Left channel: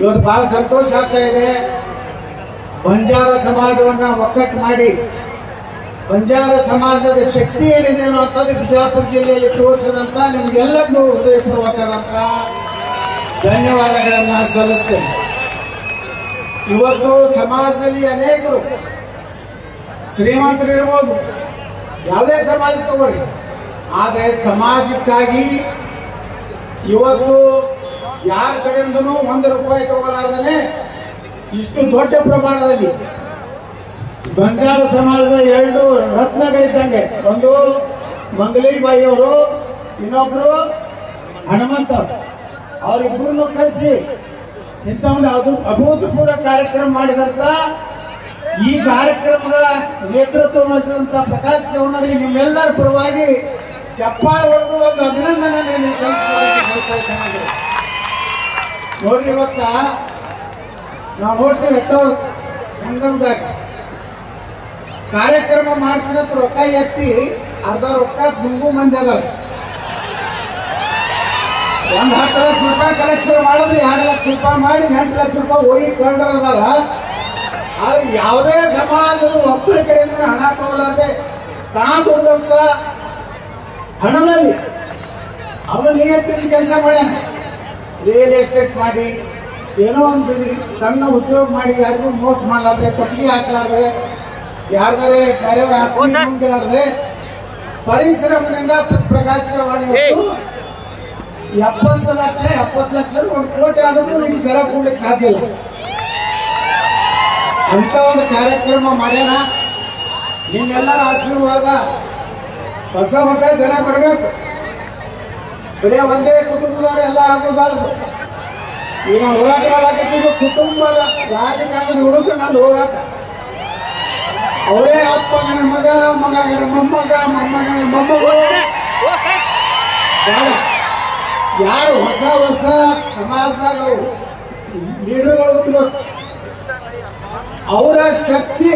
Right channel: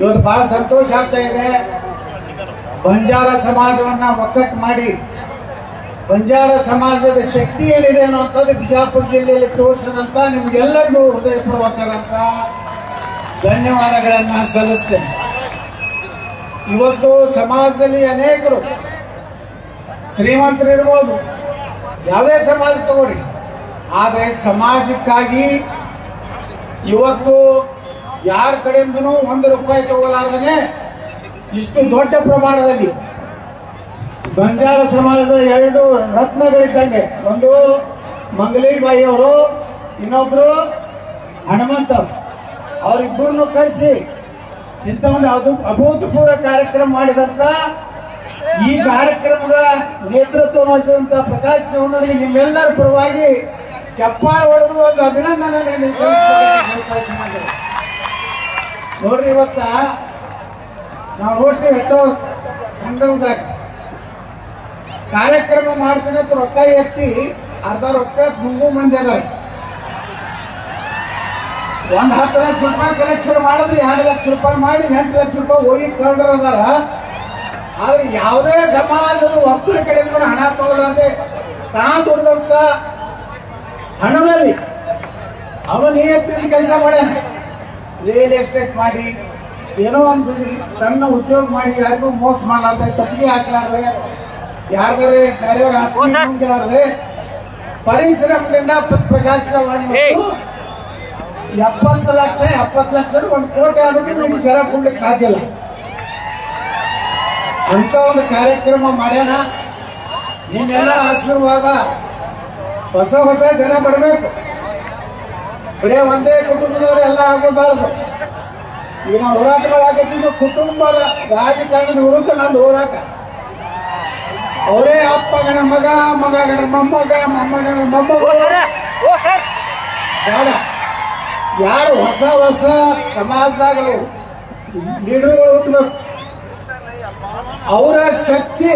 ಇವತ್ತು ಬಹಳ ಸಂತೋಷ ಆಗ್ತಾ ಇದೆ. ಬಂಜಾರ ಸಮಾಜವನ್ನ ಒಕ್ಕಟ್ಟು ಮಾಡಿ ಬಂಜಾರ ಸಮಾಜದ ಶಕ್ತಿ ಏನಿದೆ ಅನ್ನೋಂಥದ್ದು ಬಿಜಾಪುರ ಜಿಲ್ಲೆಯಲ್ಲಿ ತೋರಿಸಿದಂತ ನಿಮ್ಗೆಲ್ಲರಿಗೂ ಹೃದಯಪೂರ್ವಕವಾದಂತ ಧನ್ಯವಾದಗಳನ್ನ ಸಲ್ಲಿಸ್ತೇನೆ. ಇವತ್ತು ಸಮಾಜದಲ್ಲಿ ಅನೇಕರು ಶ್ರೀಮಂತರು ಇರ್ಬೋದು, ಯಾವುದೇ ಸಮಾಜ ತಗೋರಿ, ಆದರೆ ಸಮಾಜಕ್ಕಾಗಿ ಇವತ್ತು ಯಾರ ಕಡೆಯಿಂದನೂ ₹1 ತಗೊಳ್ಳಾರ್ದೇ ಇಷ್ಟು ದೊಡ್ಡ ಪ್ರಮಾಣದಲ್ಲಿ ಬಂಜಾರ ಸಮಾಜದ 2 ರತ್ನಗಳಿದ್ದಂಗೆ, ಒಂದು ಮಂಗಲೀಬಾಯಿ ಅವರು, ಇನ್ನೊಬ್ರು ಹನುಮಂತ ಅವರಿಬ್ಬರನ್ನು ಕರೆಸಿ ಇಂಥ ಒಂದು ಅಭೂತಪೂರ್ವ ಕಾರ್ಯಕ್ರಮ ಮಾಡಿದಂತ ಈ ಕಾರ್ಯಕ್ರಮದ ನೇತೃತ್ವ ವಹಿಸಿದಂತ ಪ್ರಕಾಶ್ ಚೌಡರಿಗೆ ನಿಮ್ಮೆಲ್ಲರ ಪರವಾಗಿ ಚಪ್ಪಾಳೆ ಹೊಡೆದು ಒಂದು ಅಭಿನಂದನೆ ಸಲ್ಲಿಸಬೇಕು. ನೋಡ್ರಿ, ಇವತ್ತ ನಾವು ನೋಡ್ತೀವಿ ಎಷ್ಟೋ ಸಂದರ್ಭದಾಗ ಕಾರ್ಯಕ್ರಮ ಮಾಡ್ತೀನಿ ಅಂತ ರೊಕ್ಕ ಎತ್ತಿ ಅರ್ಧ ರೊಕ್ಕ ಗುಂಗು ಮಂದಿ ಅದಾರೆ. ₹10 ಲಕ್ಷ ಕಲೆಕ್ಷನ್ ಮಾಡಿದ್ರೆ ₹2 ಲಕ್ಷ ಮಾಡಿ ₹8 ಲಕ್ಷ ಒಯ್ಕೊಂಡ್ರ ಅದಾರ. ಆದ್ರೆ ಯಾವುದೇ ಸಮಾಜದ ಒಬ್ಬರ ಕಡೆಯಿಂದ ಹಣ ತಗೊಳ್ಳದೆ ತಾನು ದುಡ್ದಂತ ಹಣದಲ್ಲಿ ಅವನು ನಿಯತ್ತಿನ ಕೆಲಸ ಮಾಡ್ಯಾನ. ರಿಯಲ್ ಎಸ್ಟೇಟ್ ಮಾಡಿ ಏನೋ ಒಂದು ತನ್ನ ಉದ್ಯೋಗ ಮಾಡಿ ಯಾರಿಗೂ ಮೋಸ ಮಾಡಲಾರ್ದೆ, ಕೊಟ್ಟಿಗೆ ಹಾಕಾಡ್ದೆ, ಯಾರ್ದಾರೆ ಬೇರೆಯವ್ರ ಆಸ್ತಿ ಪರಿಶ್ರಮದಿಂದ ಪ್ರಕಾಶ್ ಚೌಹಾಣ್ 70 ಲಕ್ಷ 1 ಕೋಟಿ ಆದ್ರೂ ನಿಮ್ಗೆ ಜನ ಕೊಡ್ಲಿಕ್ಕೆ ಸಾಧ್ಯ ಇಲ್ಲ. ಅಂತ ಒಂದು ಕಾರ್ಯಕ್ರಮ ಮಾಡ್ಯಾನ. ನಿಮ್ಮೆಲ್ಲರ ಆಶೀರ್ವಾದ ಹೊಸ ಜನ ಬರಬೇಕು. ಬರೀ ಒಂದೇ ಕುಟುಂಬದವರು ಎಲ್ಲ ಆಗೋದಾರದು. ಈಗ ನಾವು ಹೋರಾಟ ಮಾಡಾಕತ್ತೀವಿ, ಕುಟುಂಬದ ರಾಜಕಾರಣದ ಹುಡುಗ ನಂದು ಹೋರಾಟ. ಅವರೇ ಅಪ್ಪಗನ ಮಗ, ಮಗನ ಮೊಮ್ಮಗ, ಮೊಮ್ಮಗನ ಮೊಮ್ಮಗ, ಯಾರು ಹೊಸ ಸಮಾಜದಾಗ ಲೀಡರ್ ಹುಟ್ಟಬೇಕು. ಅವರ ಶಕ್ತಿ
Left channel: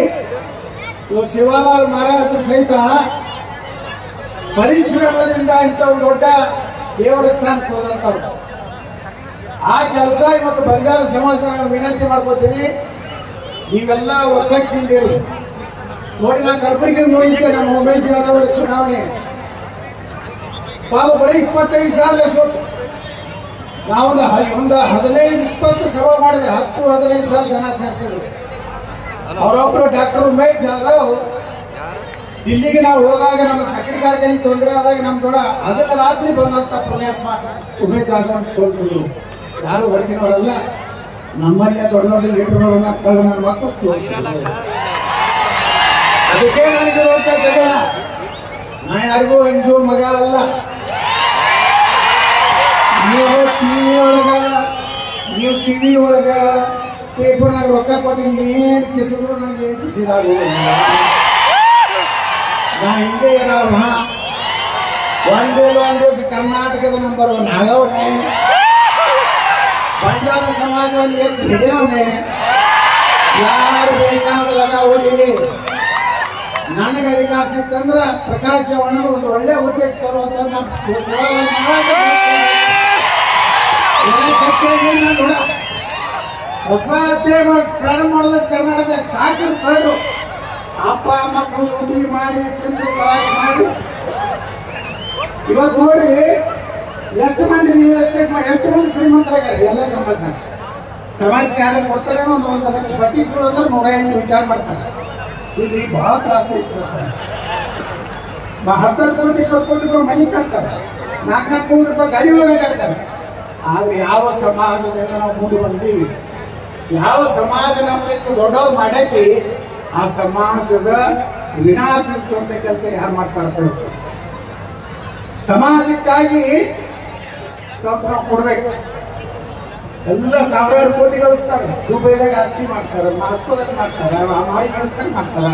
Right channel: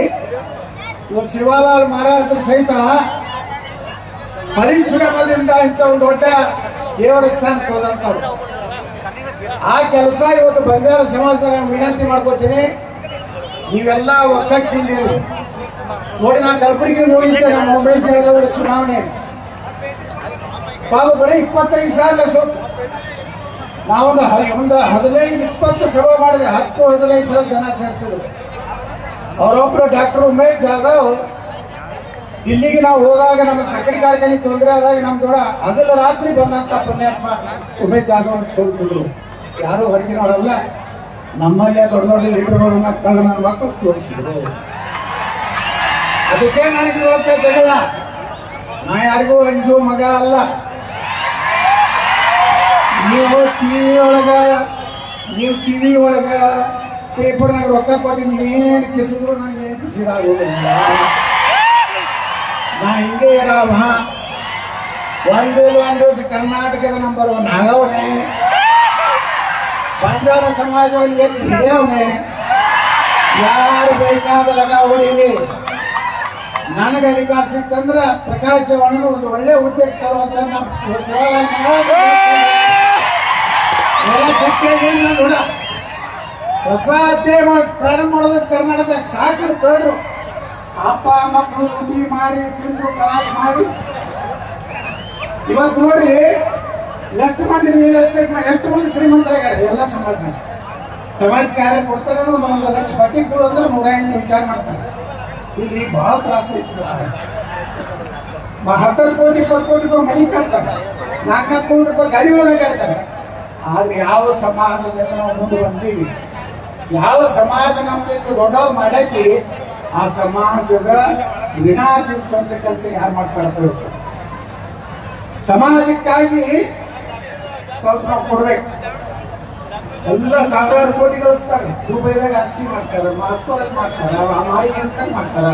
ಶಿವಲಾಲ್ ಮಹಾರಾಜರು ಸಹಿತ ಪರಿಶ್ರಮದಿಂದ ಇಂಥ ಒಂದು ದೊಡ್ಡ ದೇವರ ಸ್ಥಾನಕ್ಕೆ ಹೋದಂತವ್ರು. ಆ ಕೆಲಸ ಇವತ್ತು ಬಂಜಾರ ಸಮಾಜದ ನಾನು ವಿನಂತಿ ಮಾಡ್ಕೋತೀನಿ, ನೀವೆಲ್ಲ ಒಗ್ಗಟ್ಟಿದ್ದೀರಿ. ನೋಡಿ, ನಾನು ಕಲಬುರಗಿ ಹೋಗಿದ್ದೆ, ನಮ್ಮ ಉಮೇಶ್ ಜಾಧವ್ ಅವರ ಚುನಾವಣೆ ಪಾಪ ಬರೀ 25,000 ಸೋತು. ನಾವೊಂದು 15-20 ಸಭೆ ಮಾಡಿದೆ, 10-15,000 ಜನ ಸೇರ್ತಿದ್ರು. ಅವರೊಬ್ರು ಡಾಕ್ಟರ್ ಉಮೇಶ್ ಜಾಧವ್ ದಿಲ್ಲಿಗೆ ನಾವು ಹೋದಾಗ ನಮ್ಮ ಸಕ್ಕರೆ ಕಾರ್ಖಾನೆ ತೊಂದರೆ ಆದಾಗ ನಮ್ ಕೂಡ ಹಗಲ ರಾತ್ರಿ ಬಂದಂತ ಪುಣ್ಯಾತ್ಮ ಉಮೇಶ್ ಜಾಧವ್ ಸೋಲ್ತಿದ್ರು. ಯಾರು ಹೊರಗಿನವರಲ್ಲ, ನಮ್ಮಲ್ಲೇ ದೊಡ್ಡ ದೊಡ್ಡ ಲೀಡರ್ಗಳು ಮಕ್ಕಳು ನನ್ನ ಮಕ್ಕಳು ತೋರಿಸಿದ್ರು. ಅದಕ್ಕೆ ನನಗಿರುವಂತ ಜಗಳ. ನಾ ಯಾರಿಗೂ ಅಂಜು ಮಗ ಅಲ್ಲ. ನೀವು ಟಿವಿ ಒಳಗ ಪೇಪರ್ನಾಗ ರೊಕ್ಕ ಕೊಟ್ಟು ಏನ್ ಕಿಸಿದ್ರು ನನಗೆ ಏನ್ ಕಿಸಿದಾಗೋದಿಲ್ಲ. ನಾ ಹಿಂಗೆ ಇರೋವ. ಒಂದ್ ದಿವಸ ಕರ್ನಾಟಕದ ನಂಬರ್ 1 ಆಗವನೆ, ಬಂಜಾರ ಸಮಾಜವನ್ನು ಎತ್ತಿ ಹಿಡಿಯವನೆ. ಯಾರು ಬೇಕಾದಲ್ಲ ಹೊಡಿಲಿ. ನನಗೆ ಅಧಿಕಾರ ಸಿಕ್ತಂದ್ರೆ ಪ್ರಕಾಶ್ ಚೌಹಾಣ್ ಒಂದು ಒಳ್ಳೆ ಹುದ್ದೆಗೆ ತರುವಂತ ಹೊಸ ಅಧ್ಯಾಯ ಪ್ರಾರಂಭ ಮಾಡೋದಕ್ಕೆ ಕರ್ನಾಟಕದಾಗ ಸಾಕು ಕಂಡ್ರು. ಅಪ್ಪ ಮಕ್ಕಳು ಉದ್ರಿ ಮಾಡಿ ತಿಂದು ಪ್ರವಾಸ ಮಾಡಿ ಇವತ್ತು ನೋಡ್ರಿ ಎಷ್ಟು ಮಂದಿ ರಿಯಲ್ ಎಸ್ಟೇಟ್ ಮಾಡಿ ಎಷ್ಟು ಮಂದಿ ಶ್ರೀಮಂತರಾಗ್ಯಾರ. ಎಲ್ಲ ಸಮಾಜಕ್ಕೆ ಯಾರು ಕೊಡ್ತಾರೆ ಒಂದು $1 ಲಕ್ಷ ಬಡ್ಡಿ ಕೊಡು ಅಂದ್ರೆ 108 ವಿಚಾರ ಮಾಡ್ತಾರೆ. ಇಲ್ಲಿ ಬಹಳ ತ್ರಾಸ ಇರ್ತದೆ. 10 ಕೋಟಿ 20 ಕೋಟಿ ರೂಪಾಯಿ ಮನೆ ಕಟ್ತಾರೆ, 4 ಕೋಟಿ ರೂಪಾಯಿ ಗಾಡಿ ಒಳಗೆ ಕಟ್ತಾರೆ. ಆದ್ರೆ ಯಾವ ಸಮಾಜದಿಂದ ನಾವು ಮುಂದೆ ಬಂದೀವಿ, ಯಾವ ಸಮಾಜ ನಮ್ಗೆ ದೊಡ್ಡವ್ರು ಮಾಡೈತಿ, ಆ ಸಮಾಜದ ಋಣ ತೀರ್ಸುವಂತ ಕೆಲಸ ಯಾರು ಮಾಡ್ತಾರೆ? ಸಮಾಜಕ್ಕಾಗಿ ಸ್ವಲ್ಪ ನಾವು ಕೊಡ್ಬೇಕು. ಎಲ್ಲ ಸಾವಿರಾರು ಕೋಟಿ ಗಳಿಸ್ತಾರೆ. ದುಬೈದಾಗ ಆಸ್ತಿ ಮಾಡ್ತಾರೆ, ಮಾಸ್ಕೋದಾಗ ಮಾಡ್ತಾರ, ಮಾರಿಷಸ್ದಾಗ ಮಾಡ್ತಾರ,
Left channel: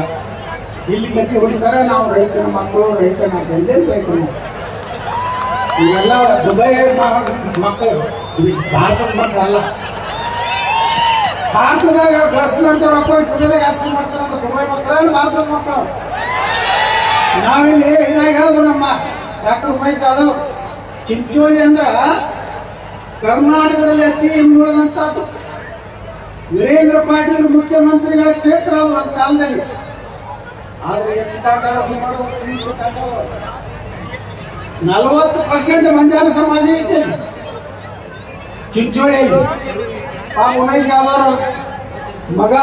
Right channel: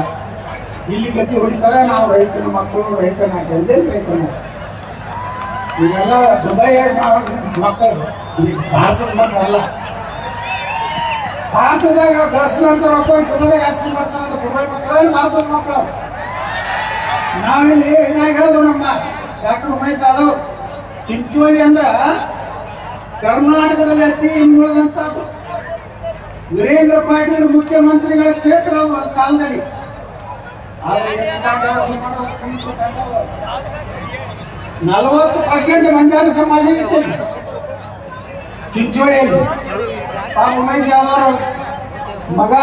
ಇಲ್ಲಿ ಗತಿ ಹೊಡಿತಾರೆ. ನಾವು ರೈತನ ಮಕ್ಕಳು, ರೈತನ ಎಲ್ಲೆಲ್ಲಿ ರೈತನ ಇವೆಲ್ಲ ದುಬೈ ಮಕ್ಕಳು, ಭಾರತದ ಮಕ್ಕಳು ಅಲ್ಲ. ಭಾರತದಾಗ ಬಳಸಿದಂತ ಮಕ್ಕಳು ದುಬೈದಾಗ ಆಸ್ತಿ ಮಾಡ್ತಾರೆ. ದುಬೈ ಮಕ್ಕಳು ಭಾರತದ ಮಕ್ಕಳು. ನಾವಿಲ್ಲಿ ಹಿಂಗಾಗಿ ಹೇಳೋದು ನಮ್ಮ ಡಾಕ್ಟರ್ ಉಮೇಶ್ ಜಾಧವ್, ಚಿಂಚೋಳಿ ಅಂದ್ರ ಕರ್ನಾಟಕದಲ್ಲಿ ಅತಿ ಹಿಂದುಳಿದಂತದ್ದು ವೀರೇಂದ್ರ ಪಾಟೀಲ್ ಮುಖ್ಯಮಂತ್ರಿಗಳ ಕ್ಷೇತ್ರ ಅದು ಒಂದು ಕಾಲದಲ್ಲಿ. ಆದ್ರೆ 40% ಬಂಜಾರ ಸಮಾಜ ಐತೆ ಚಿಂಚೋಳಿಯಲ್ಲಿ. ಪಾಪ ಉಮೇಶ್ ಯಾದವ್ ಮಗ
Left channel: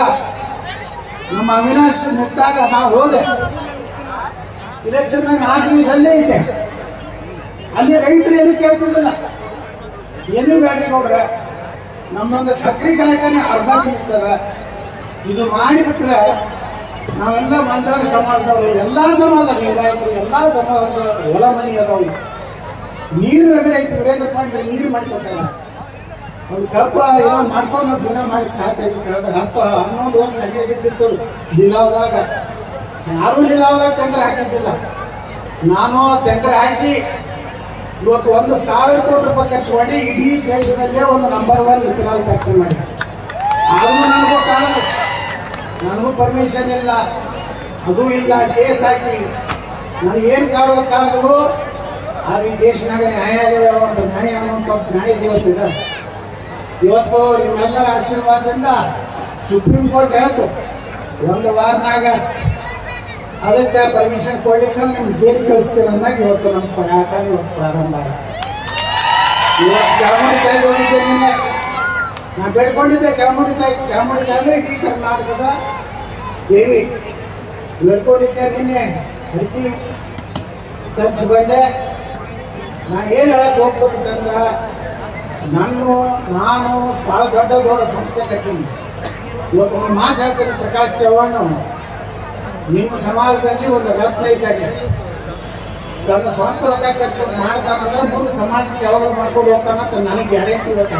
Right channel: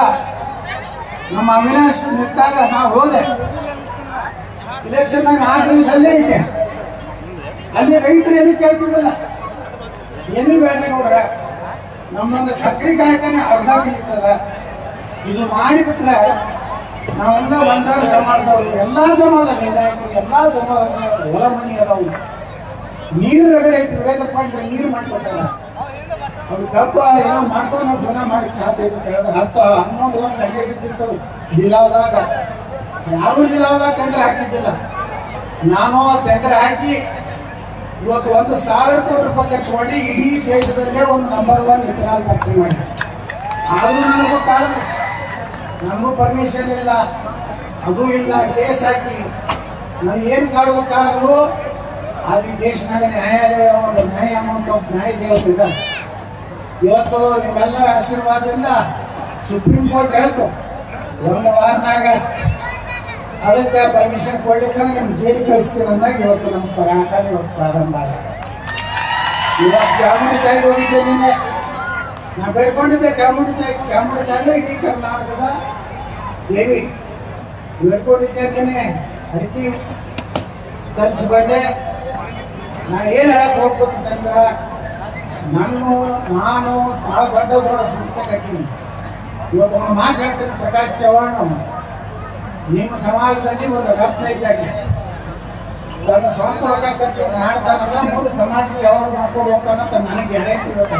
ನಮ್ಮ ಅವಿನಾಶ್ ಮುಕ್ತಾಗ ನಾವು ಹೋದೆ ಇಲೆಕ್ಷನ್ 4 ದಿವಸ ಅಲ್ಲೇ ಐತೆ. ಅಲ್ಲಿ ರೈತರು ಏನು ಕೇಳ್ತಿದ್ದಲ್ಲ, ಏನು ಬೇಡ ನೋಡ್ರ, ನಮ್ಮೊಂದು ಸಕ್ರೆ ಕಾಯಕನೇ ಅರ್ಧ ನಿಲ್ತದ. ಇದು ಮಾಡಿಬಿಟ್ರೆ ನಾವೆಲ್ಲ ಬಂಜಾರ ಸಮಾಜದವರು, ಎಲ್ಲಾ ಸಮಾಜ ಲಿಂಗಾಯತರು, ಎಲ್ಲಾ ಸಮಾಜದ ಹೊಲ ಮನಿ ಅದಾವು. ನೀರು ರಗಡೆ ಐತಿ. ವೀರೇಂದ್ರ ಪಾಟೀಲ್ ನೀರು ಮಾಡಿಕೊಟ್ಟಾರ. ಅವ್ರು ಕಬ್ಬ ಏನೋ ಮಾಡ್ಕೊಂಡು ನಾವು ಜನ ಮಾಡಕ್ ಸಾಧ್ಯ ಐತಿ. 10-11 ವರ್ಷ ಹಂಗೆ ಬಿಟ್ಟಿತ್ತು ಲೀಲಾವದಾಗ. ಯಾರು ಲೀಲಾವದಾಗ ಟೆಂಡರ್ ಹಾಕಿದ್ದಿಲ್ಲ. ನಾನು ಟೆಂಡರ್ ಹಾಕಿ ಇವತ್ತು 1,000 ಕೋಟಿ ರೂಪಾಯಿ ಖರ್ಚು ಮಾಡಿ ಇಡೀ ದೇಶದಲ್ಲೇ ಒಂದು ನಂಬರ್ 1 ಇಥನಾಲ್ ಫ್ಯಾಕ್ಟರಿ ಮಾಡಿ. ಆದ್ರೂ ನನಗೂ ಕಾಲದು, ನನಗೂ ಪರ್ಮಿಷನ್ ಇಲ್ಲ, ಅದು ಇಲ್ಲ, ಕೇಸ್ ಹಾಕಿ ನನಗೇನು ಕಾಡಿದ್ರು. ಆದ್ರೆ ಈ ದೇಶನಾಗ ನ್ಯಾಯಾಲಯ ಒಂದು ನ್ಯಾಯ ನ್ಯಾಯ ದೇವತೆ ಇದೆ. ಇವತ್ತು ನಿಮ್ಮೆಲ್ಲರ ಆಶೀರ್ವಾದದಿಂದ ಸುಪ್ರೀಂ ಕೋರ್ಟ್ ಹೇಳ್ತು 1 ವಾರನಾಗ ಅದಕ್ಕೆ ಪರ್ಮಿಷನ್ ಕೊಡ್ಲಿಕ್ಕೆ ನಿಮ್ಗೆ ಜೈಲಿಗೆ ಕಳಿಸ್ತೀರ ಅಂದಾಗ ಇವತ್ತು ನಮ್ಮ ಹೋರಾಟ ಇವತ್ತು ಪ್ರಾರಂಭ ಆಯ್ತು. ಇವತ್ತು ಚಾಮುಂಡಿ ತಾಯಿ ಹೋಗಿದ್ದೆ. ನಿನ್ನೆ ನಾ ಬೇಡ್ಕೊಂಡಿದ್ದೆ ಚಾಮುಂಡಿ ತಾಯಿ ಅಂದ್ರೆ ಇಡೀ ಕರ್ನಾಟಕದ ದೇವಿ. ಬೇಡ್ಕೊಂಡಿದ್ದೆ ನಿನ್ನೆ ಅಡಿಕೆ ಕಲಿಸಿ ಬಂದೆ. ನಾ ಏನು ಹೇಳಕ್ ಹೋಗ್ಬೇಕಂದ್ರ, ನಾನು ದೊಡ್ಡ ಸಂಸ್ಥೆ ಕಟ್ತೀನಿ. ಇವತ್ತು ಒಂದು ಮಾತು ಹೇಳ್ತೀನಿ, ಪ್ರಕಾಶ್ ಚವ್ಹಾಣ್ ನಿಮ್ಮ ಸಮಾಜದಲ್ಲಿ ಒಂದು ರತ್ನ ಇದ್ದಾಗ ತನ್ನ ಸ್ವಂತ ರೊಕ್ಕ ಖರ್ಚು ಮಾಡ್ತಾನಂದ್ರೆ ಮುಂದೆ ಸಮಾಜಕ್ಕೆ ಯಾವಾಗ ಮಾಡ್ಕೊಂಡು ಹೋಗ್ತಾನಂತ ನನಗೆ ಗ್ಯಾರಂಟಿ ಇರುತ್ತೆ.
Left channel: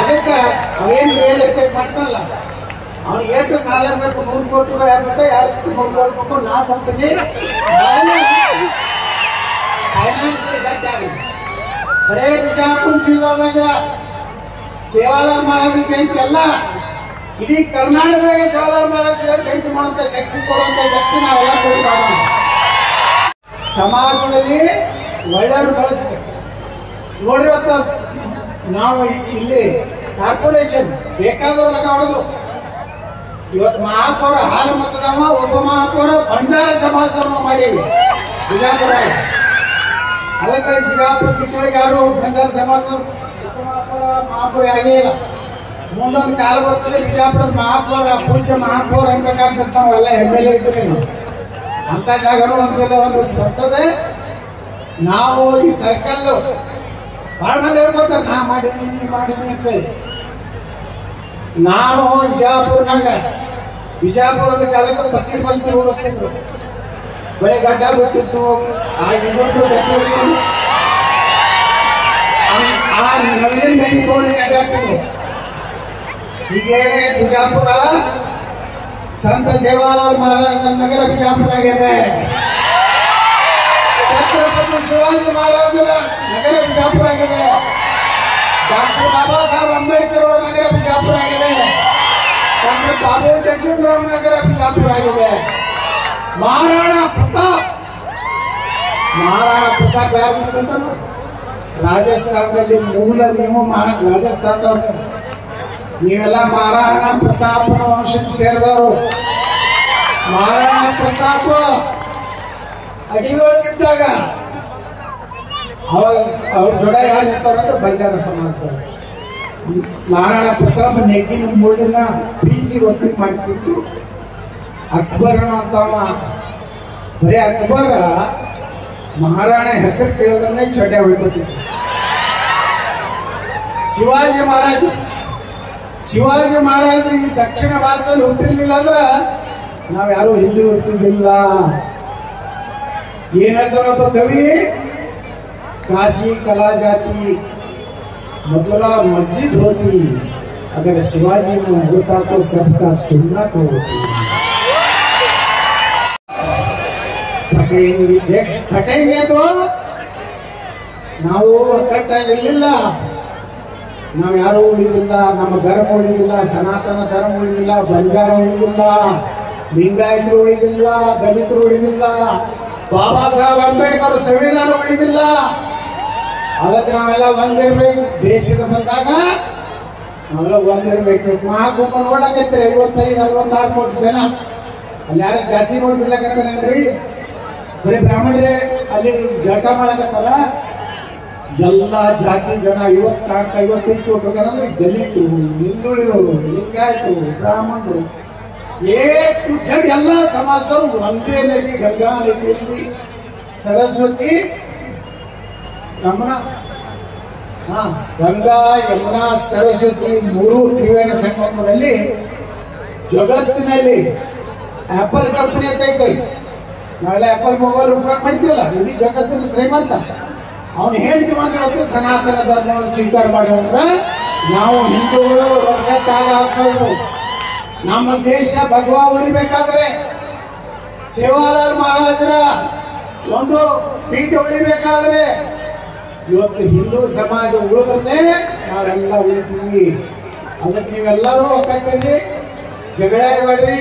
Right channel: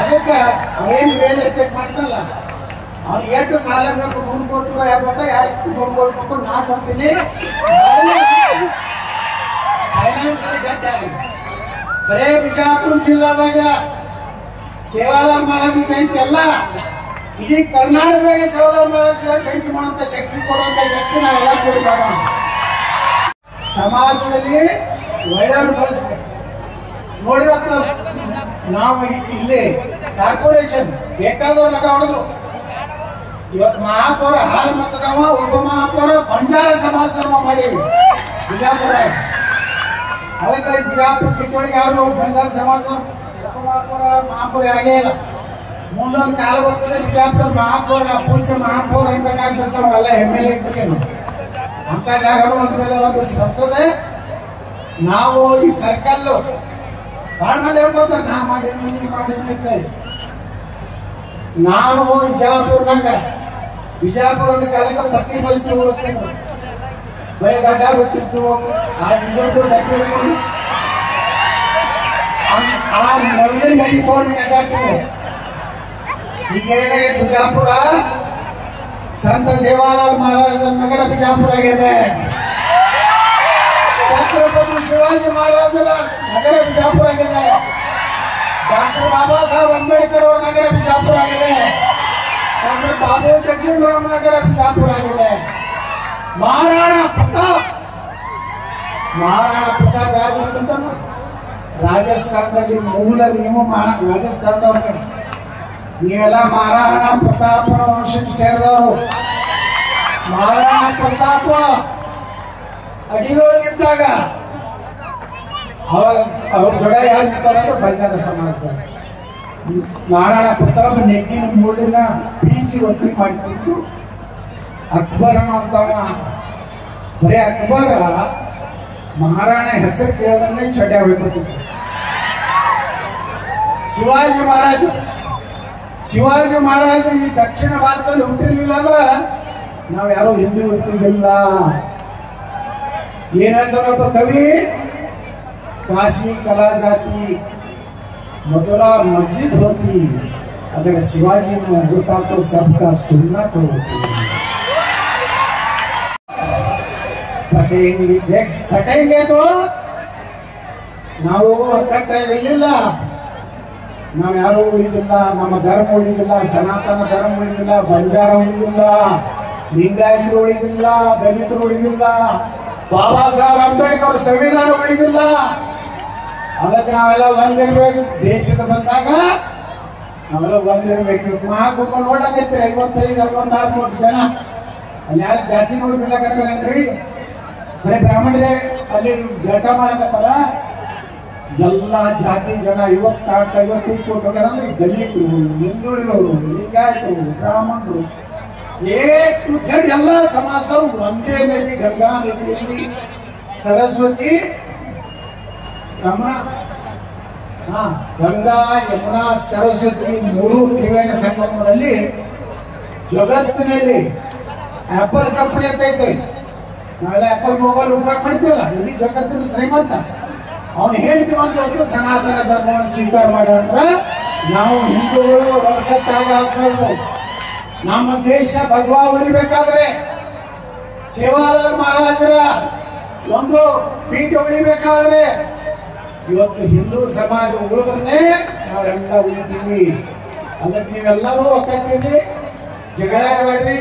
ಅದಕ್ಕೆ ಅವೇನು ರಿಯಲ್ ಎಸ್ಟೇಟ್ ಮಾಡ್ತಾನಲ್ಲ, ಅವ್ನಿಗೆ ಎಷ್ಟು ಸಾಲ ಬೇಕು, 3 ಕೋಟಿ ರೂಪಾಯಿ ಆಗ್ಬೇಕು, 3 ಕೋಟಿ ರೂಪಾಯಿ ನಾ ಕೊಡ್ತೀನಿ. ಫೈನಾನ್ಸಿಯಲ್ ಗಟ್ಟಿ ಆಗಲಿ. ಬರೇ ಬಿಜಾಪುರ ಜಿಲ್ಲಾದಾಗ ಸೇವಾಲಾಲ್ ಮಹಾರಾಜ ಜಯಂತಿ ಅಲ್ಲ, ಇಡೀ ಕರ್ನಾಟಕದಾಗ ಸೇವಾಲಾಲ್ ಮಹಾರಾಜ ಜಯಂತಿ ಮಾಡುವಂತ ಶಕ್ತಿ ಕೊಡುವಂತ ವ್ಯಕ್ತಿ ನಾವೆಲ್ಲ ಕೊಡ್ತಾವ. ಸಮಾಜದಲ್ಲಿ ಒಳ್ಳೆಯವರು ಬಳಸ್ಬೇಕು ನೋಡ್ರಿ. ನಾವು ಇಲ್ಲಿ ಕಾರ್ಪೊರೇಷನ್ ಬೇಕಾದವ್ರು ಲಗ ಹೊಡೆದ್ರು. ಇವತ್ತು ಮಹಾಪೌರ ಹಾಲು ಮತದವ, ಉಪ ಮಹಾಪೌರ ಬಂಜಾರ ಸಮಾಜದವ ಮಾಡೀವಿ ಬಿಜಾಪುರ. ಅದಕ್ಕೆ ಬಿಜಾಪುರ ಚಿಕ್ಕವಳಿಗೆ ಯಾರು ಬಂಜಾರ ಸಮಾಜ ಉಪ ಮಹಾಪೌರ ಆಗೇ ಇಲ್ಲ. ಮುಂದೊಂದು ಕಾಲ ಬರ್ತದೆ ಬಿಜಾಪುರ ಮಹಾಪೌರ ಪೂಜ್ಯ ಮಹಾಪೌರ ಅಂತಕ್ಕಂಥವ್ರೆಲ್ಲ MLA ಇದ್ರೆ ಅಂತ ಜಾಗನೂ ಒಂದು ಬರ್ತದೆ. ನಾವು ಈ ಸರ್ಕಲ್ ಬಹಳ ಮಂದಿ ಹೇಳ್ಕೊತಾರೆ, ನಾ ಮಾಡಿದ್ವಿ ನೀವು ಮಾಡಿದ್ವಿ ಅಂತೇಳಿ. ನಾವು ಬಿಜಾಪುರದ ಕಾಲಕ್ಕೆ ಪತ್ತಿ ಬಸ್ತಿ ಊರು ಹೋಗ್ತಿದ್ರು. ಬರೀ ಗಡ್ಡ ಬಿಟ್ಟಿತ್ತು. ಆ ಇದ್ರದ್ದು ಗಟ್ಟಿ ಬಿಟ್ಕೊಂಡು ಆ ನವೀನ್ ಗಡಿ ತಗೊಂಡು ಅಡ್ಡಾಡ್ತಿದ್ರು. ಈಗ ಬಿಜಾಪುರ ಸಂತ ಸೇವಾಲಾಲ್ ಮಹಾರಾಜ ನಗರ ಬಿಜಾಪುರ ಆಗಿದೆ. ಛತ್ರಪತಿ ಶಿವಾಜಿ ಮಹಾರಾಜರ ನಗರ ಬಿಜಾಪುರ ಆಗಿದೆ. ಡಾಕ್ಟರ್ ಬಾಬಾ ಸಾಹೇಬ್ ಅಂಬೇಡ್ಕರ್ ಅವರ ನಗರ ಬಿಜಾಪುರ ಆಗಿದೆ. ಡಾಕ್ಟರ್ ಬಾಬು ಜಗಜೀವನರಾಮ್ ನಗರ ಬಿಜಾಪುರ ಆಗಿದೆ. ಮಹಾರಾಣಾ ಪ್ರತಾಪ್ ಯಾರು ಅಂತ ರಾಜಸ್ಥಾನದಲ್ಲಿ ಮೂಲ ನೀವು ರಾಜಸ್ಥಾನದವ್ರು, ನೀವೆಲ್ಲ ಮಹಾರಾಣಾ ಪ್ರತಾಪನ ವಂಶಕ್ಕೆ ಸೇರಿದವರು. ಮಹಾರಾಣಾ ಪ್ರತಾಪ ಅಡಿಗೊಳಗಿದ್ದಾಗ ಅವ್ರ ಜೊಡ ಯಾರು ನಿಂತಾರಂದ್ರೆ ಬಂಜಾರ ಸಮಾಜದವರು. ಮಹಾರಾಣಾ ಪ್ರತಾಪ್ ನೆಗ್ಗಿನ ಮೂಡಿನ ಬೀಸಿ ಒತ್ತಿ ಮಾಡ್ತಿತ್ತು. ಅಕ್ಬರನ ಅಂತವ ಬರೀ ಅಕ್ಬರ ಮಹಾರಾಣ ಹೆಸರು ಕೇಳೋದನ್ನೇ ಚಡ್ಡ ಬಿಟ್ಟಿತ್ತು. ಶಿವಾಜಿ ಮಹಾರಾಜರು ಈ ದಕ್ಷಿಣ ಭಾರತದಲ್ಲಿ ಹುಟ್ಟಿರ್ಲಿಲ್ಲ ಅಂದ್ರೆ ನಾವ್ಯಾರು ಹಿಂದೂ ಇರ್ತಿದ್ದಿಲ್ಲ. ಏನ್ ಹೇಳ್ತಾರಪ್ಪ ಕವಿ, ಕಾಶಿ ಕಲಾ ಜಾತಿ मथुरा मस्जिद होती अगर शिवाजी ने होता तो सबका सुन्नत होती. ಪಟೇಂಗೆ ನಾವು ಒಕ್ಕಟ್ಟಾಗಿರ್ಲಿಲ್ಲ. ನಾವು ಯಾರು ಉಳಿದಿಲ್ಲ, ನಮ್ಮ ಧರ್ಮ ಉಳಿದಿಲ್ಲ, ಸನಾತನ ಧರ್ಮ ಉಳಿದಿಲ್ಲ, ಬಂಜಾರ ಉಳಿದಿಲ್ಲ, ಲಿಂಗಾಯತರು ಉಳಿದಿಲ್ಲ, ದಲಿತರು ಉಳಿದಿಲ್ಲ, ಬಾಬಾ ಸಾಹೇಬ್ ಅಂಬೇಡ್ಕರ್ ಸಂವಿಧಾನ ಉಳಿದಿಲ್ಲ. ಅದಕ್ಕೆ ನಾವೆಲ್ಲ ಬಂದಿರ್ಬೇಕು. ದೇಶದ ಬಂದಾಗ ನಾವೆಲ್ಲ ಬಂದಿರ್ಬೇಕು. ಮಹಾಕುಂಭ ನೋಡಕೈತ್ರಿ 55-66 ಕೋಟಿ ಜನ. ಅಲ್ಲಿ ಯಾರು ಜಾತಿ ನೋಡ್ಬಿಡ್ಲಾಕತ್ತಾರಲ್ರಿ, ಬರೀ ಬ್ರಾಹ್ಮಣರೇ ಅಲ್ಲಿ ಜಳಕ ಮಾಡಕತ್ತಾರ. ಎಲ್ಲ ಜಾತಿ ಜನ 54-55 ಕೋಟಿ ಹೋಗ್ಯಾರಂದ್ರೆ ದಲಿತರು, ಹಿಂದುಳಿದವರು, ಲಿಂಗಾಯತರು, ಬ್ರಾಹ್ಮಣರು, ಎಲ್ಲ ಸಮಾಜದವರು ಒಂದೇ ನದಿ, ಗಂಗಾ ನದಿಯಲ್ಲಿ ಸರಸ್ವತಿ ಯಮುನಾ, ಗಂಗಾ ಯಮುನಾ ಸರಸ್ವತಿ 3 ತ್ರಿವೇಣಿ ಸಂಗಮದಲ್ಲಿ ಜಗತ್ತಿನಲ್ಲಿ ಆಪಲ್ ಕಂಪನಿ ಅಂತ ಐತೆ. ನಾಳೆ ಆಪಲ್ ಮೊಬೈಲ್ ಉಪಯೋಗ ಮಾಡ್ತೀವಲ್ಲ, ಇಡೀ ಜಗತ್ತಿನ ಶ್ರೀಮಂತ. ಅವನು ಹೇಳ್ತೀವಂದ್ರೆ ಇವತ್ತು ಸನಾತನ ಧರ್ಮವನ್ನು ಸ್ವೀಕಾರ ಮಾಡೋಣ. ನಾವು ಹಿಂದೂಗಳು ವರ್ಗತ್ತಾಗ ಹಾಕೋದು. ನಮ್ಮ ದೇಶ ಭಗವಾ ಉಳಿಬೇಕಾದ್ರೆ, ಸೇವಾಲಾಲ್ ಮಹಾರಾಜರ ಒಂದು ಪೀಠ ಉಳಿಬೇಕಾದ್ರೆ, ಇವತ್ತು ಹಿಂದೂ ಸಮಾಜ ಉಳಿದ್ರೆ ನಾವೆಲ್ಲ ಉಳಿತೀವಿ. ಅದಕ್ಕೆ ನೀವೆಲ್ಲರೂ ಒಕ್ಕಟ್ಟಿರಿ, ಜಗಳ ಮಾಡ್ರಿ,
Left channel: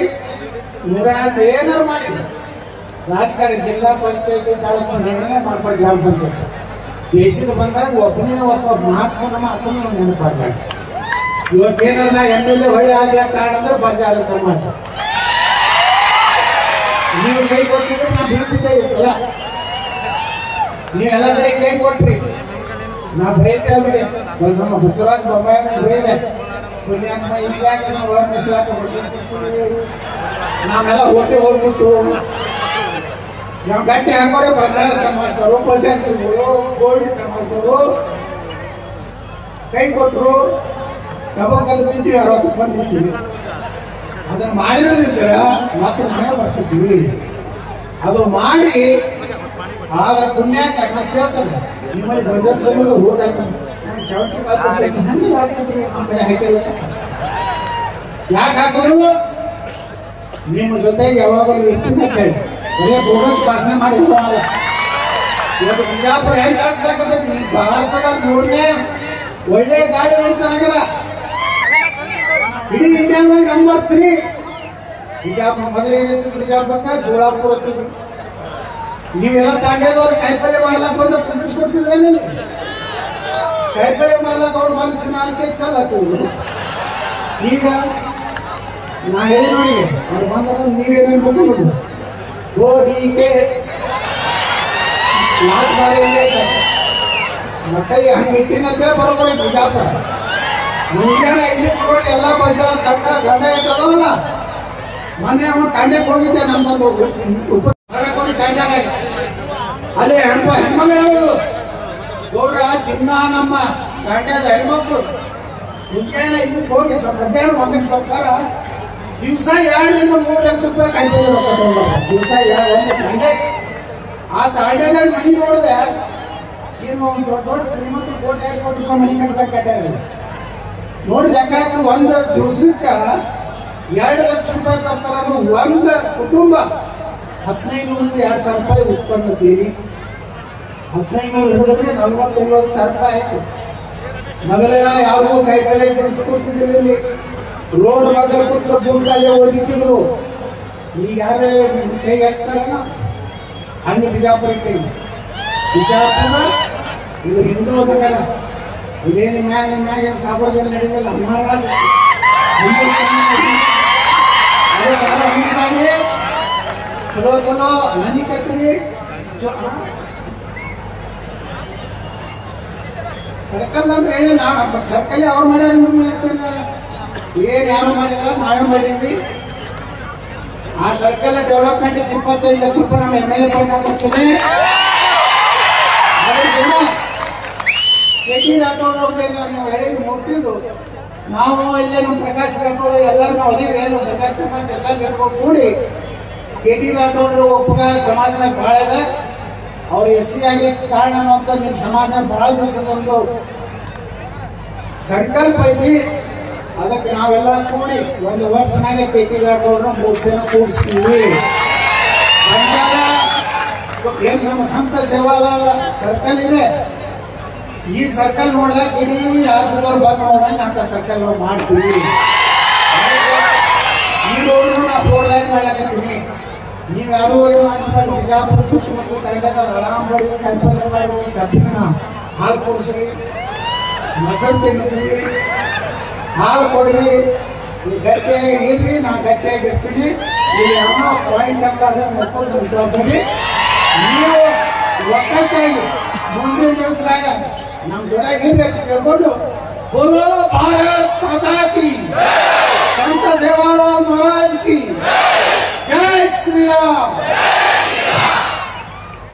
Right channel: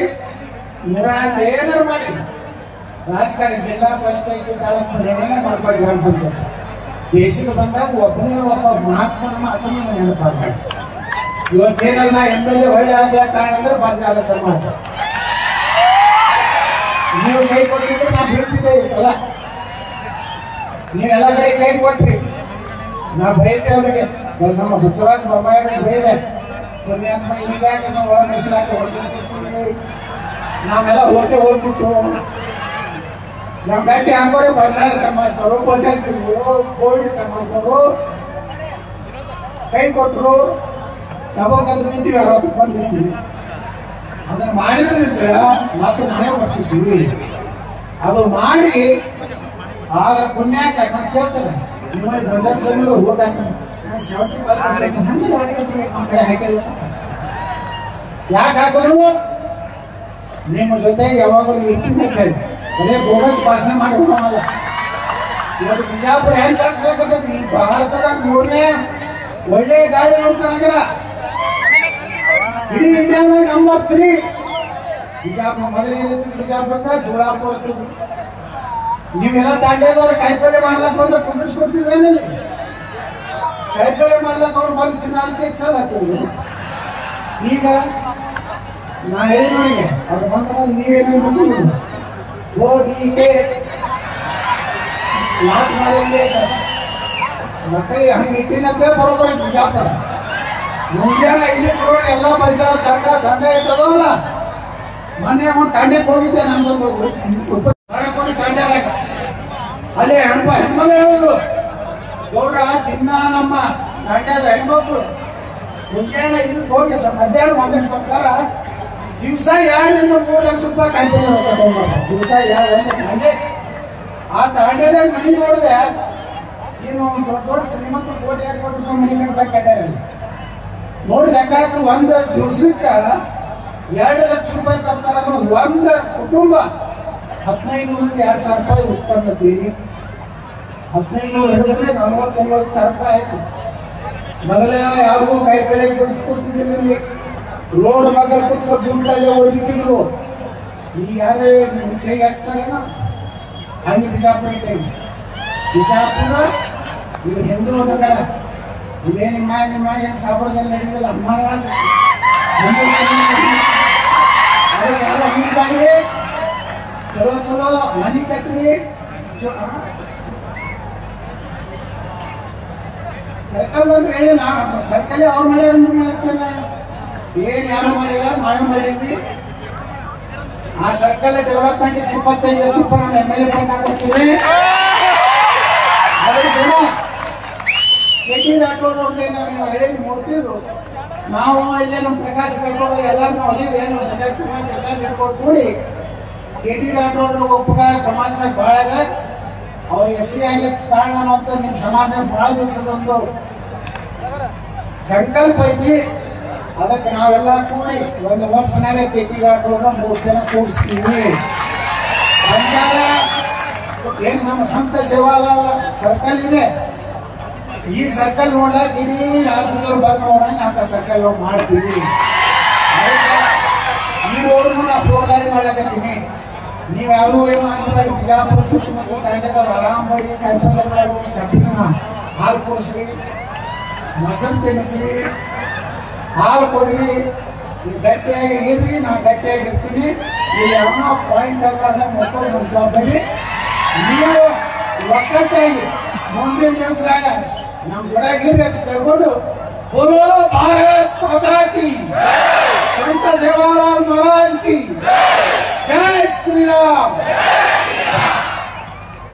ಏನಾರು ಮಾಡಿ ರಾಜಕಾರಣ, ಜಿಲ್ಲಾ ಪಂಚಾಯತಿ, ತಾಲೂಕು ಏನೇ ಮಾಡ್ಕೊಂಡು ಗ್ರಾಮ ಪಂಚಾಯತಿ ದೇಶದ ಬಂದಾಗ ಒಬ್ಬನೇ ಒಬ್ಬ ಮಹಾತ್ಮನ ಮಾತನ್ನು ನೆನಪಾಗ. ಇವತ್ತೇನಲ್ಲ MLA ಹೊಳ್ಳಿ ಆಗ ಕಾರಣ ಅಂದ್ರೆ ಬರಗಾಲ ಸಮಾಜ. ನೀವು ಕೈ ಕೊಟ್ಟಿದ್ರೆ ನಾ ಬೀಳ್ತಿದ್ದೆ ಈ ಸಲ. ನೀವೆಲ್ಲ ಕೈ ಕೊಟ್ರಿ, ನಾ ಬೈತೆ ಅವರಿಗೆ. ನಮ್ಮ ಬಸವರಾಜ ಬೊಮ್ಮಾಯಿ ಬೈದೆ, ಪುಣ್ಯಾತ್ಮ ಹೀಗಾಗಿ ನಾವು ಮೀಸಲಾತಿ ನಾವೆಲ್ಲ ಹೋಗ್ಬಿಟ್ಟು ನಾವು ಗಟ್ಟಿ ಹಾಕೋರೆ ಬಂಗಾರ ಸಮಾಜದವರು, ಭಜಂತ್ರಿಗಳು, ಕೋಳಿ ಸಮಾಜದವರು ಕೈ ಕೊಟ್ಟರು. ತಗೊಂಡು ನಿಂತೀವಿ 60 ಬಂದಿದ್ದೀವಿ. ಅದನ್ನು ಮಾಡಿದ್ರೆ ಮತ್ತೆ ನಾವೇ ಬರ್ತಿದ್ದೀವಿ. ಅದು ಮಾಡಿ ಆದ್ರ ಪುಣ್ಯಕ್ಕೆ ಮತ್ತೆ ಕೇಳ್ತಾರೆ, ಯಾಕೆ ಹಾಕಿದ್ರು? ನಿಮ್ಮ ಜೊತೆಗೆ ಯಾವಾಗಲೂ ಇರ್ತೀನಿ ಅಂತ ಹೇಳಿ ಬರೇ ಬೋಗಸ್ ಭಾಷಣ ಮಾಡಿ ಹೋಗಲ್ಲ. ಇವತ್ತು ಬಿಜಾಪುರ ಹೆಂಗ್ ಕಾಣಿಸ್ಲಾಕತ್ತೈತಿ, ಭಾರತದ 3ನೇ ಒಳ್ಳೆ ಗಾಳಿ ಅಂತ ನಗರ, ಇಡೀ ಇಂಡಿಯಾದಾಗ ನಂಬರ್ 3. ಬಿಜಾಪುರ ಮೊದಲಿಗೆ ಬಿಜಾಪುರಕ್ಕೆ ಜೋಳಾಪುರ. ನೀವೆಲ್ಲ ತಾಂಡ್ಯದವ್ರು ಕಾಯಿಪಲ್ಯ ಮಾಡ್ಲಕ್ ಬಂದ್ರೆ ಕುಂಡಿಸ್ಕೊಡ್ತಿದ್ರೇನಲ್ಲಿ. ಕಾಯಿಪಲ್ಯ ಮಾಡ್ಲಕ್ ಅವ್ರು ಬಂದು ಚುನಾವಣೆ ಚಲ ಆಗ್ತಿದ್ರು. ಈಗ ನಾ ಹೇಳಿ ನೋಡಿ, ಅವ್ರು ಬಂದ್ರೆ ನೀವೇನೇನು ಬಂದ್ಬಿಡುದು ಓದಿಕೆ ಯಾಕೆ ಮಾಡಿಲ್ಲ ಮಕ್ಕಳಿಗೆ ಹಂಗೆ ಇಟ್ಟಿನಂತೆ ಬರೋಬ್ಬರಿ ಬಿಜಾಪುರ. ಮುಂಜಾನೆ 5 ಕೋಟಿ ಎಲ್ಲ ಬಜಾರ್ ದಂಡ ಐತದವಲ್ಲ. ಮೊನ್ನೆ ಒಂದು ತಂಡಕ್ಕೆ ಹೋಗಿದ್ದೆ, ನಮ್ದೊಂದು ಕೋಟಿ ತಂಡ ಅಲ್ಲಿ ಹೆಣ್ಮಗಳು ಹೇಳೋದು, ಗೌಡ್ರ ದಿನ ನಮ್ಮ ತಂಡದ ಹೆಣ್ಮಕ್ಳು ಮುಂಜಾನೆ 5ಕ್ಕೆ ಹೋಗಿ ಮಧ್ಯಾಹ್ನ 1ಕ್ಕೆ ಬರ್ತಾರ. ದಿವಸ 2-3 ಲಕ್ಷ ರೂಪಾಯಿ ಕಾಯಿಪಲ್ಯ ರೊಕ್ಕ ತಗೊಂಡ್ಬಾರ. ದಿವಸ 2 ತಂಡೆ. ಆ ತಾಂಡ್ಯದಾಗ ಮನೆ ನೋಡಿದೆ, ಏನು ದೊಡ್ಡ ಶ್ರೀಮಂತ ಕೋಟಿ 2 ಕೋಟಿ ರೂಪಾಯಿ ಮನೆ ಕಟ್ಟದಾಗ ಕಟ್ಟಾರ. ನೋಡಿ ಲೆಕ್ಕ ಹಾಕಿ ಒಂದು ದಿವಸಕ್ಕೆ 2 ಲಕ್ಷ ರೂಪಾಯಿ ತರ್ತಾರ. ಅಂದ್ರೆ ಒಂದು ಕುಟುಂಬ 1500-2000 ರೂಪಾಯಿ ಉತ್ಪನ್ನ ತೀರಿ 1500 ಹಿಡಿದ್ರೆ 40-50 ಸಾವಿರ ರೂಪಾಯಿ ಆಯ್ತು. ಮೊದಲೇ ಯಾರಿಗೂ ಕಾಯಿಪಲ್ಯ ಕೊಡ್ತಿದ್ದಿಲ್ಲ. ರೋಡ್ ಮಗಲ್ ಕೂತ್ರ ಬೂಟ್ಲಲ್ಲೇ ಓದಿತಿದ್ರು. ಈಗ ಯಾರೇ ಕೈಗೆ ಹಾಕ್ಸ್ತಾರಲ್ಲ ಹಂಗೆ ಬಿಜಾಪುರ ಇದ್ದೇವೆ. ಬಿಜಾಪುರ ಇದು ಹಿಂದೂ ನಗರ. ಇದೇನು ನಿಮ್ಮ ಏನು ಸಾಬರದಲ್ಲಿ ನಡೆದಿಲ್ಲ. ಅದೇ ಚಲೋ ಚಲೋ ಮನೆ ಕಟ್ರಿ. ಸರ್ಕಲ್ ಅಂದ್ರೆ ಏನ ಸರ್ಕಲ್ ಅವ್ರು ಮಾಡ್ಯಾರ, ಮಾಡ್ತೇನೆ ಏನ್ ಯಾರು ಮಾಡಿಲ್ಲ, ನಾವೇ ಮಾಡೀವಿ. ಆ ಸರ್ಕಲ್ ಡೆವಲಪ್ಮೆಂಟ್ 25 ಲಕ್ಷ ರೂಪಾಯಿ ನಮ್ಮ MLA ಫಂಡ್ ಹಾಕೊಡ್ತೀವಿ. ನಾವು ಹೇಳಿ ಮುಟ್ಟಿದ್ದು ನಾವು ಇಲ್ಲೇ ನಮ್ಮ ಪ್ರಕಾಶ್ ರಾಠೋಡ್ ಎಲ್ಲರೂ ನಾವು ಅದೇ ಏನು ಬಜಾರ್ ಸಮಾಜ ಎಲ್ಲ ಹೇಳ್ಕೊಂಡು ಕೂಡಿ KT ರಾಠೋಡ್ ಉಪಕಾರ ಸಮಾಜದಾಗ ಬಹಳ ಇದೆ. ಅವ್ರು SC ಆಗ್ಲಿಕ್ಕೆ ಕಾರಣ ಅಂತ ನಿಮ್ಮ ಸಮಾಜ ಬಹಳ ದಿವಸದೊಂದು ಸಂಕಲ್ಪ ಐತಿ. ಅದಕ್ಕೆ ನಾವೆಲ್ಲ ಕೂಡಿ 1 ವರ್ಷನಾಗೆ KT ರಾಠೋಡ್ನ 3 ದಿನ ಕೂಡಿಸ್ತೀವಿ. ಏನ್ ನಮ್ಮ ಸಂತ ಸೇವಾಲಾಲ್ ಸರ್ಕಲ್ ಇದೆ, ಈ ಸರ್ಕಲ್ ನೋಡ್ಲಕ್ ಇಡೀ ರಾಜ್ಯದವ್ರು ಬಂದು ನೋಡೋಣ ಅಂತ ಸರ್ಕಲ್ ನಾವು ಮಾಡ್ತೀವಿ. ಈ ರೋಡ್ ನಾ 4 ಲೈನ್ ಮಾಡ್ಲಕತ್ತೀನಿ. ನೀವು ಯಾರು ಏನು ಹಂಚ್ಬೇಡಿ. ಬಿಜಾಪುರ ಸುತ್ತಮುತ್ತ ತಾಂಡ್ಯದವ್ರು ಆರಾಮ್ ಬರ್ರಿ, ಕಾಯಿಪಲ್ಯ ಮಾಡ್ರಿ, ಕಬ್ಬಿನ ಹಾಲು ಕುಡಿಸ್ರಿ, ಮೊಸರು ತಿನ್ನಿಸ್ರಿ, ಹಾಲು ಕೊಡ್ರಿ, ನೀವು ಗಟ್ಟಿಯಾಗಿ ಇರ್ರಿ, ನಾನು ಗಟ್ಟಿಯಾಗಿರ್ತೀನಿ. ನೀವು ಯಾವ ಪಾಯಿಂಟ್ ಅಲ್ಲ ನೋಡ್ಕೊಂಡು ನಮ್ಮ ಜವಾಬ್ದಾರಿ. ನೀವು ಒಕ್ಕಟ್ಟಾಗಿ ಮುಂದಿನ ದಿವಸದಾಗ ನಮ್ಮ ಜೊತೆಗಿರ್ರಿ ಅಂತ ಕೇಳ್ಕೊಂಡು बोलो भारत माता की, संत सेवालाल महाराज की जय श्री राम।